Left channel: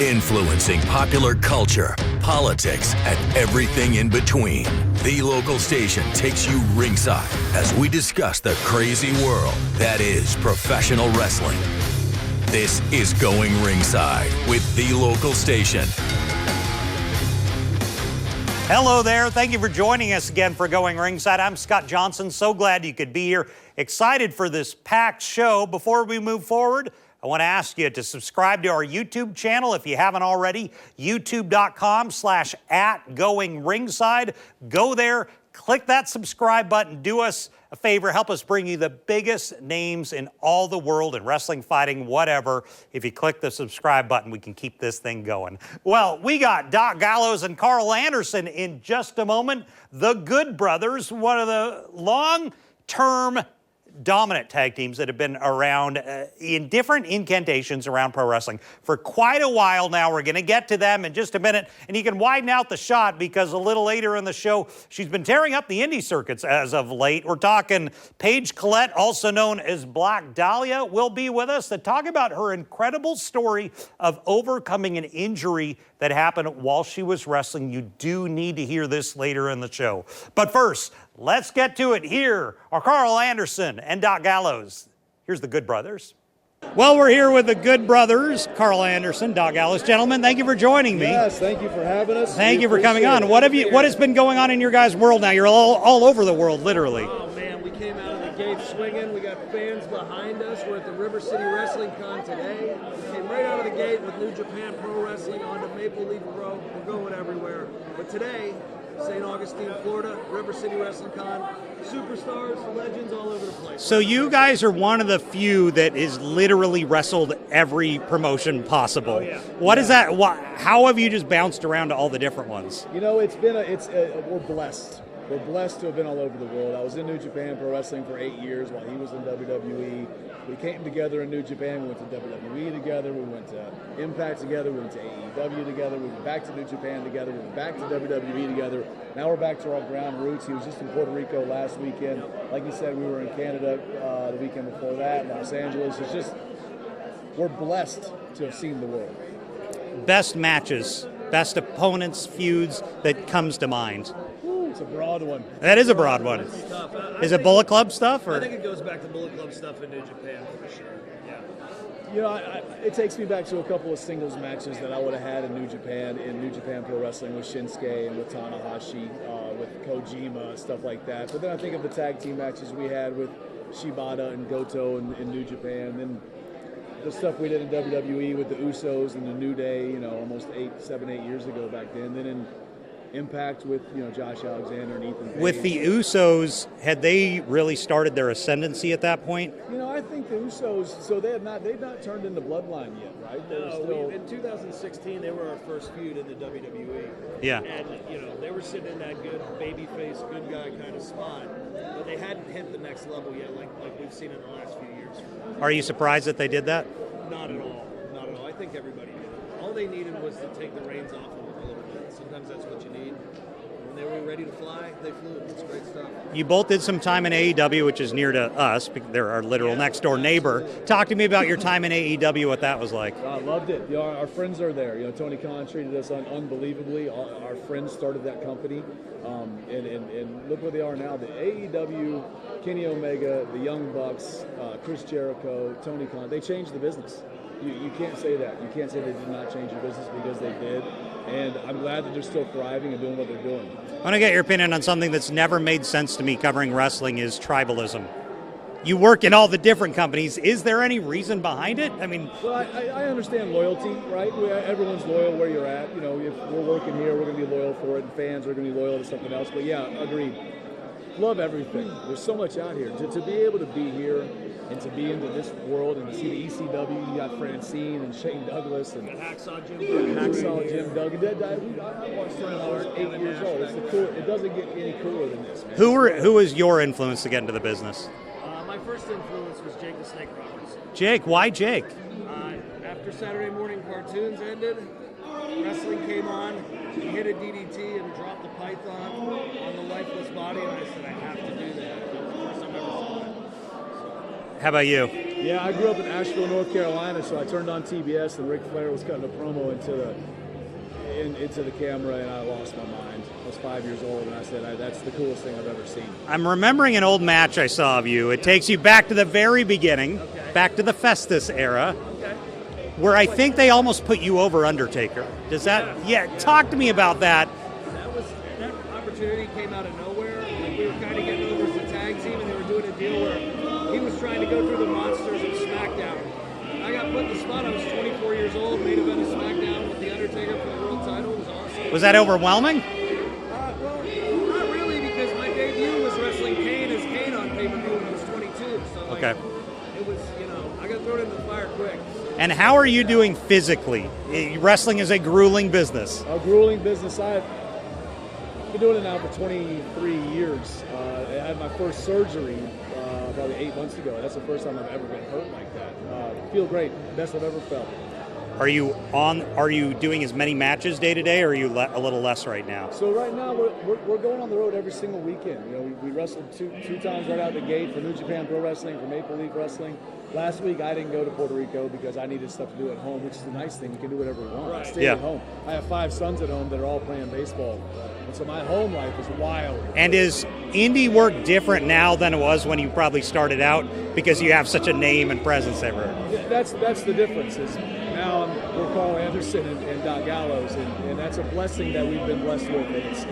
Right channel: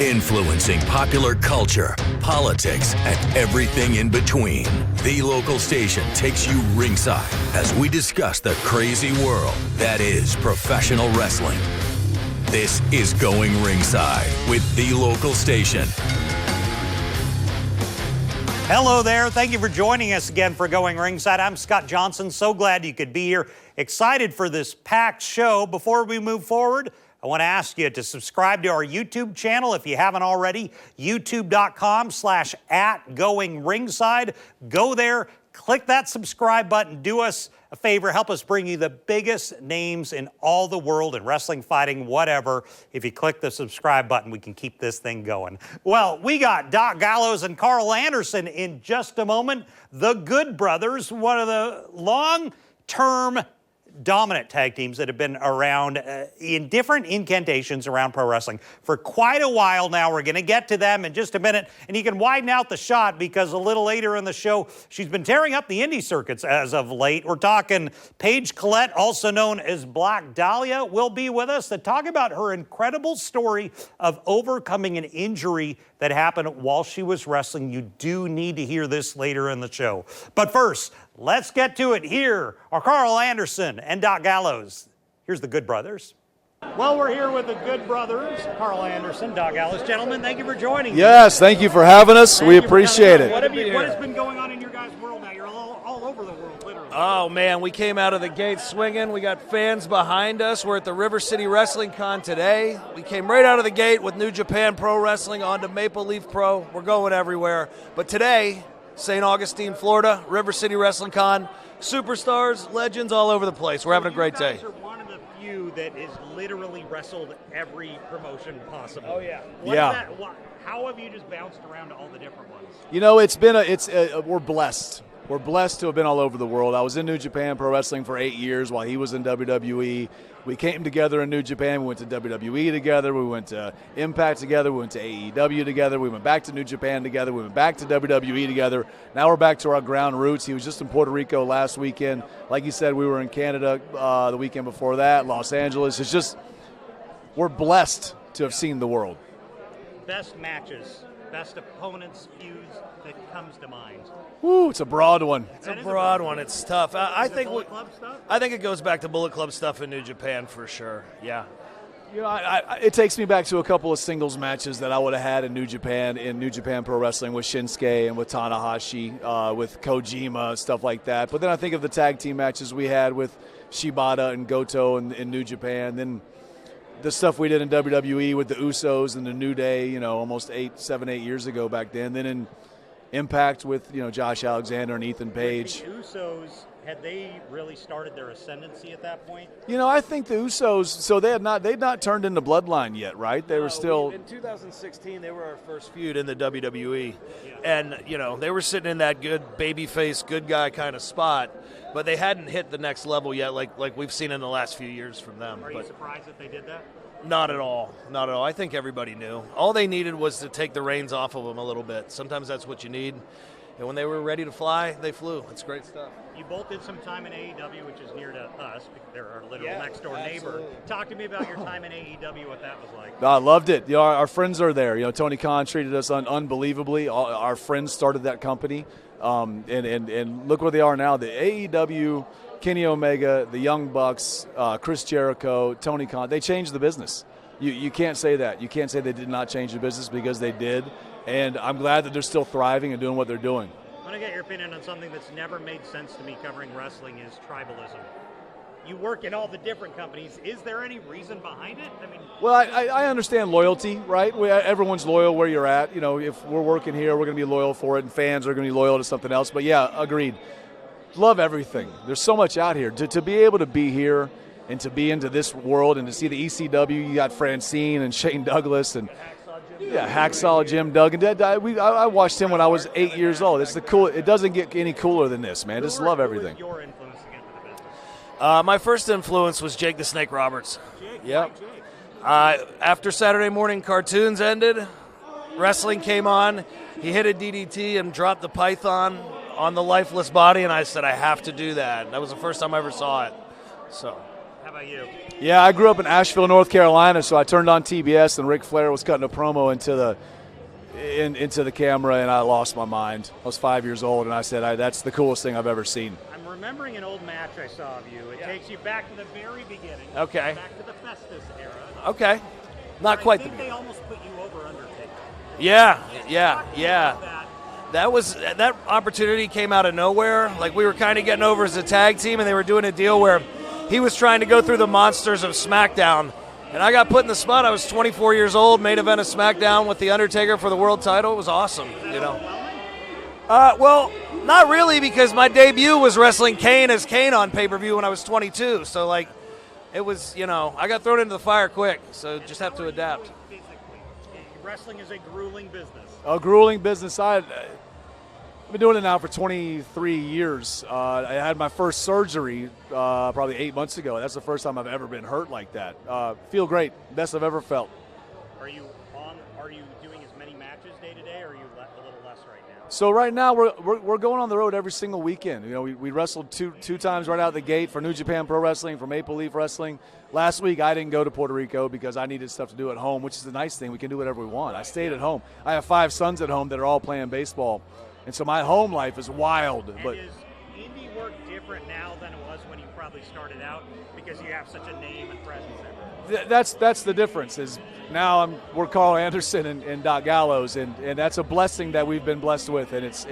influencing popular culture, politics, and everything in between. The local station takes you ringside as we discuss the crazy world that is professional wrestling. This is Going Ringside with the local station. Hello there. Thank you for joining us again for Going Ringside. I'm Scott Johnson. So glad you could be here. Excited for this packed show. Before we move forward, I want to ask you to subscribe to our YouTube channel if you haven't already. YouTube.com/@GoingRingside. Go there, click that subscribe button. Do us a favor, help us bring you the biggest names in all the world in wrestling, fighting, whatever. If you click the subscribe button, we can keep this thing going. Well, we got Doc Gallows and Karl Anderson in just a moment. The Good Brothers, one of the long-term dominant tag teams that have been around in different incantations around pro wrestling for quite a while now. We're going to get to them in just a minute, and you can widen out the shot because a little later in the show, she's been tearing up the indie circuits as of late. We're talking Paige Collette, also known as Black Dahlia, will be with us to talk about her incredible story of overcoming an injury that happened while she was wrestling. You do need to hear this later in the show. But first, let's get to it. Here are Karl Anderson and Doc Gallows. Here's the Good Brothers. Well, we're here with the Good Brothers, Karl Anderson, Doc Gallows. Gentlemen, thank you for joining me. Yes, thank you for having us. We appreciate it. What has been going on in your guys' world now? You're all over the world, literally. Oh, man, we came out of the gate swinging. We got fans behind us. We're at the River City Wrestling Con today. We came right out of the gate with New Japan Pro Wrestling onto Maple Leaf Pro. We're going everywhere. But today, St. Augustine, Florida, River City Wrestling Con, superstars, legends all over the place. So you guys are one of the few that is literally wrestled every promotion possible. What is that? How have you just bounced around to all the different ones? You know, we're blessed. We're blessed to have been all over the world. I was in New Japan Pro Wrestling for 8 years while he was in WWE. We came together in New Japan. We went to WWE together. We went to Impact together. We went to AEW together. We went back to New Japan together. We went back to WWE together. Now we're back to our ground roots. He was just in Puerto Rico last weekend. Like you said, we were in Canada the weekend before that, Los Angeles. It's just, we're blessed to have seen the world. Best matches, best opponents, feuds that comes to mind. Ooh, it's a broad one. That is a broad one. It's tough. Is it Bullet Club stuff? Or? I think it goes back to Bullet Club stuff in New Japan for sure. Yeah. You know, it takes me back to a couple of singles matches that I would have had in New Japan Pro Wrestling with Shinsuke and with Tanahashi, with Kojima, stuff like that. But then I think of the tag team matches we had with Shibata and Goto in New Japan. Then the stuff we did in WWE with the Usos and the New Day, you know, almost 7, 8 years ago back then. Then in Impact with, you know, Josh Alexander and Ethan Page. With the Usos, had they really started their ascendancy at that point? You know, I think the Usos, so they'd not turned into Bloodline yet, right? They were still... In 2016, they were our first feud in the WWE. Yeah. And, you know, they were sitting in that good babyface, good guy kind of spot, but they hadn't hit the next level yet like we've seen in the last few years from them. Are you surprised that they did that? Not at all. Not at all. I think everybody knew. All they needed was to take the reins off of them a little bit. Sometimes that's what you need. And when they were ready to fly, they flew. It's great stuff. You both did some time in AEW, which is near to us. They're our literal next-door neighbor. Talk to me about your time in AEW, what that was like. I loved it. You know, our friends are there. You know, Tony Khan treated us unbelievably. Our friends started that company. And look where they are now. The AEW, Kenny Omega, the Young Bucks, Chris Jericho, Tony Khan, they changed the business. You can't say that. You can't say they did not change the business because they did. And I'm glad that they're still thriving and doing what they're doing. I want to get your opinion on something that's never made sense to me covering wrestling is tribalism. You work in all the different companies. Is there any reason behind it? I mean, well, I understand loyalty, right? Everyone's loyal where you're at. You know, if we're working here, we're going to be loyal for it, and fans are going to be loyal to something else. But yeah, agreed. Love everything. There's so much out here. To be able to be here and to be into this world and to see the ECW, you got Francine and Shane Douglas and Hacksaw Jim Duggan. I watched him when I was 8 years old. It's the cool. It doesn't get any cooler than this, man. Who was your influence to get into the business? My first influence was Jake the Snake Roberts. Jake, why Jake? After Saturday morning cartoons ended, wrestling came on. He hit a DDT and dropped the python on the lifeless body, and I said, I have to do that. That was the first time I ever saw it. So How about you? Yeah, I grew up in Asheville, North Carolina, so I turned on TBS and Ric Flair was cutting a promo into the camera, and I lost my mind. I was 5 years old, and I said, that's the coolest thing I've ever seen. I'm remembering an old match I saw of you. It takes you back to the very beginning, back to the Festus era. Okay. Where I think they almost put you over Undertaker. Yeah. Talk to me about that. That opportunity came out of nowhere. Like, we were kind of getting over as a tag team, and they were doing a deal where he was trying to go through the monsters of SmackDown. And I got put in the spot. I was 24 years old, main event of SmackDown with The Undertaker for the world title. It was awesome. Was that overwhelming? Well, not really, because my debut was wrestling Kane as Kane on pay-per-view when I was 22. So, it was, I got thrown into the fire quick. So and how are you doing physically? Wrestling is a grueling business. A grueling business. I've been doing it now for 23 years. I had my first surgery probably 8 months ago. That's the first time I've ever been hurt like that. Feel great. Best I've ever felt. Are you doing as many matches day to day, or are you a little less right now? So right now we're going on the road every single weekend. We wrestled two times right out of the gate for New Japan Pro Wrestling, for Maple Leaf Wrestling. Last week I didn't go to Puerto Rico because I needed stuff to do at home, which is the nice thing. We can do whatever we want. I stay at home. I have 5 sons at home that are all playing baseball. And so my home life is wild. And is indie work different now than it was when you probably started out, because you have such a name and presence everywhere? That's the difference. Is now we're Karl Anderson and Doc Gallows, and that's a blessing that we've been blessed with. And it's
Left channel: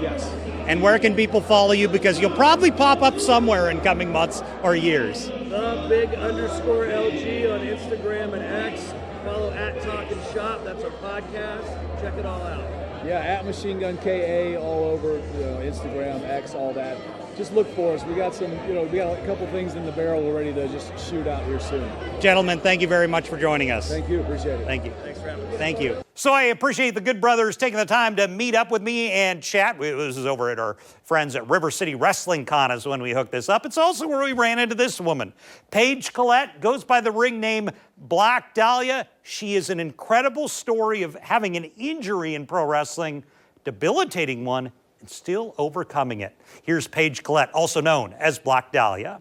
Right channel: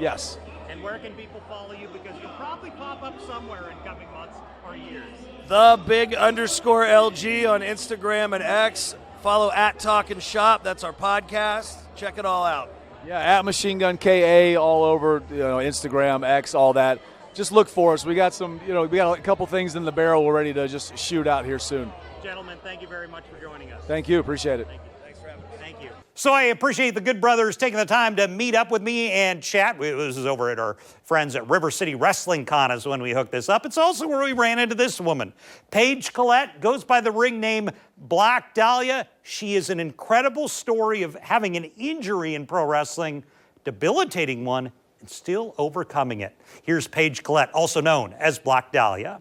yes. And where can people follow you? Because you'll probably pop up somewhere in coming months or years. The_LG on Instagram and X. Follow @Talkin' Shop. That's our podcast. Check it all out. Yeah, @Machine Gun KA all over, Instagram, X, all that. Just look for us. We got we got a couple things in the barrel. We're ready to just shoot out here soon. Gentlemen, thank you very much for joining us. Thank you. Appreciate it. Thank you. Thanks for having me. Thank you. So I appreciate the good brothers taking the time to meet up with me and chat. This is over at our friends at River City Wrestling Con is when we hooked this up. It's also where we ran into this woman. Paige Collette goes by the ring name Black Dahlia. She is an incredible story of having an injury in pro wrestling, debilitating one, and still overcoming it. Here's Paige Collette, also known as Black Dahlia.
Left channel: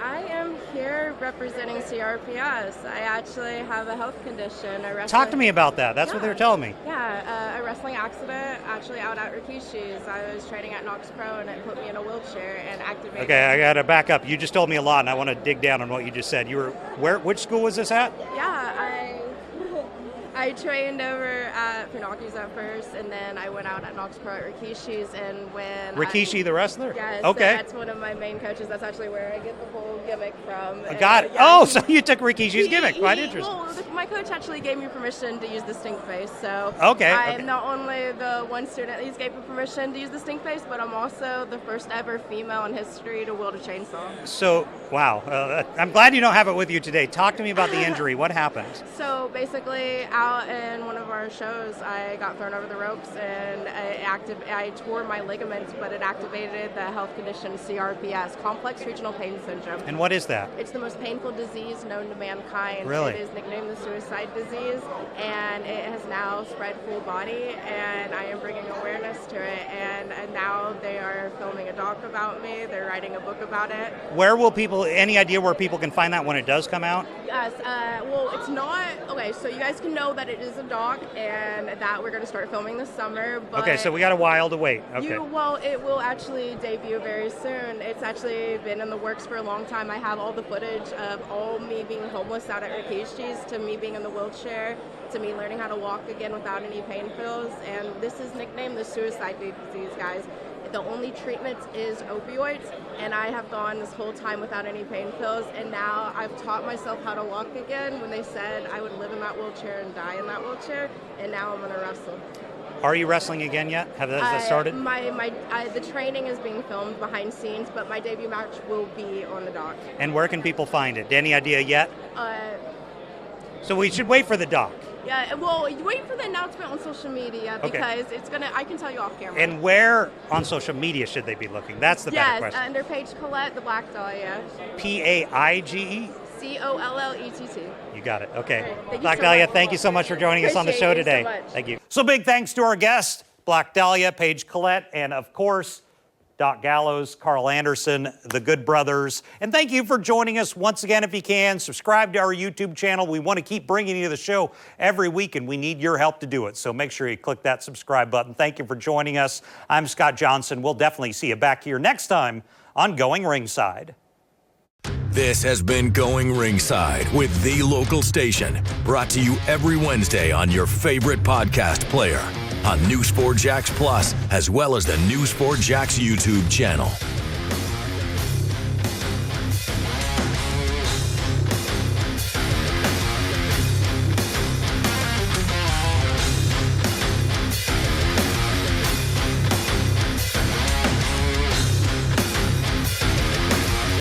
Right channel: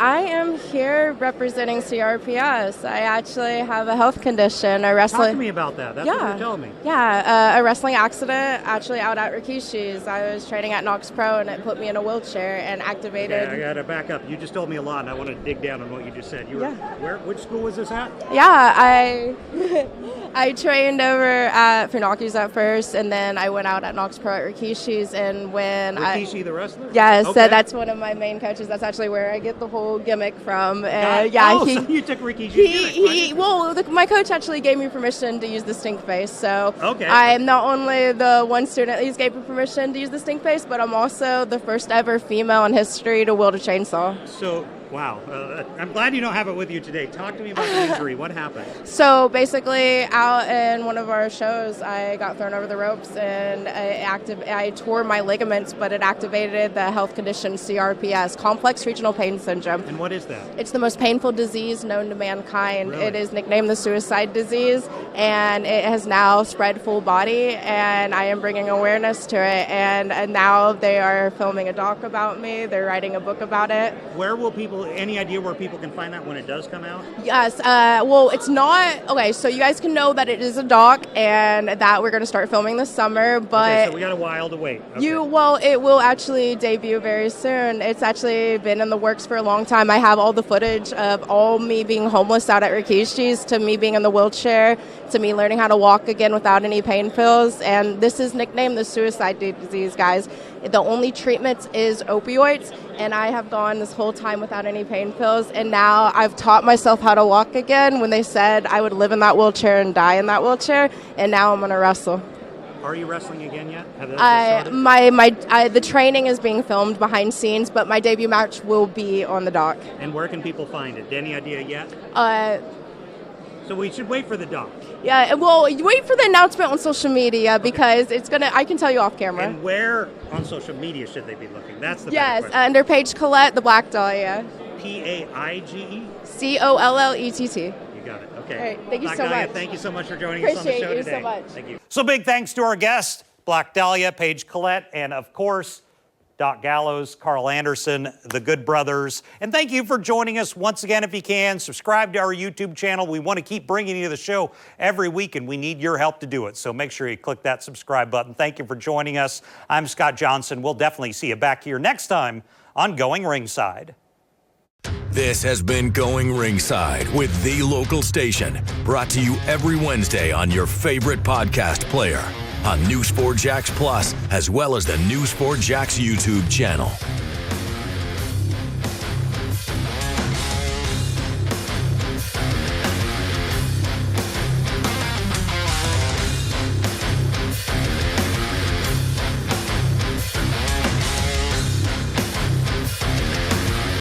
I am here representing CRPS. I actually have a health condition. Talk to me about that. That's what they're telling me. Yeah, a wrestling accident actually out at Rikishi's. I was training at Knox Pro and it put me in a wheelchair and activated. Okay, I got to back up. You just told me a lot and I want to dig down on what you just said. You were which school was this at? Yeah, I trained over at Funaki's at first, and then I went out at Knox Pro at Rikishi's, and when Rikishi the wrestler? Yes, okay. So that's one of my main coaches. That's actually where I get the whole gimmick from. And, so you took Rikishi's gimmick. My coach actually gave me permission to use the stink face, so okay. I'm not only the one student he's gave me permission to use the stink face, but I'm also the first ever female in history to wield a chainsaw. So, wow. I'm glad you don't have it with you today. Talk to me about the injury. What happened? So basically, out in one of our shows, I got thrown over the ropes and I tore my ligaments, but it activated the health condition CRPS, complex regional pain syndrome. And what is that? It's the most painful disease known to mankind. Really? It is nicknamed the suicide disease, and it has now spread full body, and I am bringing awareness to it. And now they are filming a doc about me. They're writing a book about it. Where will people, any idea where people can find that when it does come out? Yes, well, it's not, okay, so you guys can know that it is a doc and that we're going to start filming this summer, but... Okay, so we got a while to wait. Okay. It will actually debut very soon. It's actually been in the works for a long time. I have all the footage of all me being homeless out at Rikishi's, to me being in the wheelchair, to me learning how to walk again without any pain pills, and this is nicknamed the suicide disease, guys. The only treatment is opioids, and I have gone this whole time without any pain pills, and now I've taught myself how to walk again when they said I would live in that wheelchair and die in that wheelchair, and now I'm going to wrestle. Are you wrestling again yet? Have that started? The training is being filmed behind scenes, but my debut match will be on the doc. And where can people find it? Any idea yet? So we should wait for the doc. Yeah, well, you wait for the announcement on social media because I can tell you off camera. And where on social media should they be looking? That's the better question. Yes, under Paige Collette, the Black Dahlia. Paige? Collett. You got it. Okay. All right, thank you Black so Dahlia, much. thank you so much for joining us on the show today. So much. Thank you. So big thanks to our guest, Black Dahlia, Paige Collette, and of course, Doc Gallows, Karl Anderson, the Good Brothers. And thank you for joining us once again. If you can, subscribe to our YouTube channel. We want to keep bringing you the show every week, and we need your help to do it. So make sure you click that subscribe button. Thank you for joining us. I'm Scott Johnson. We'll definitely see you back here next time on Going Ringside. This has been Going Ringside with The Local Station, brought to you every Wednesday on your favorite podcast player, on News4JAX Plus, as well as the News4JAX YouTube channel.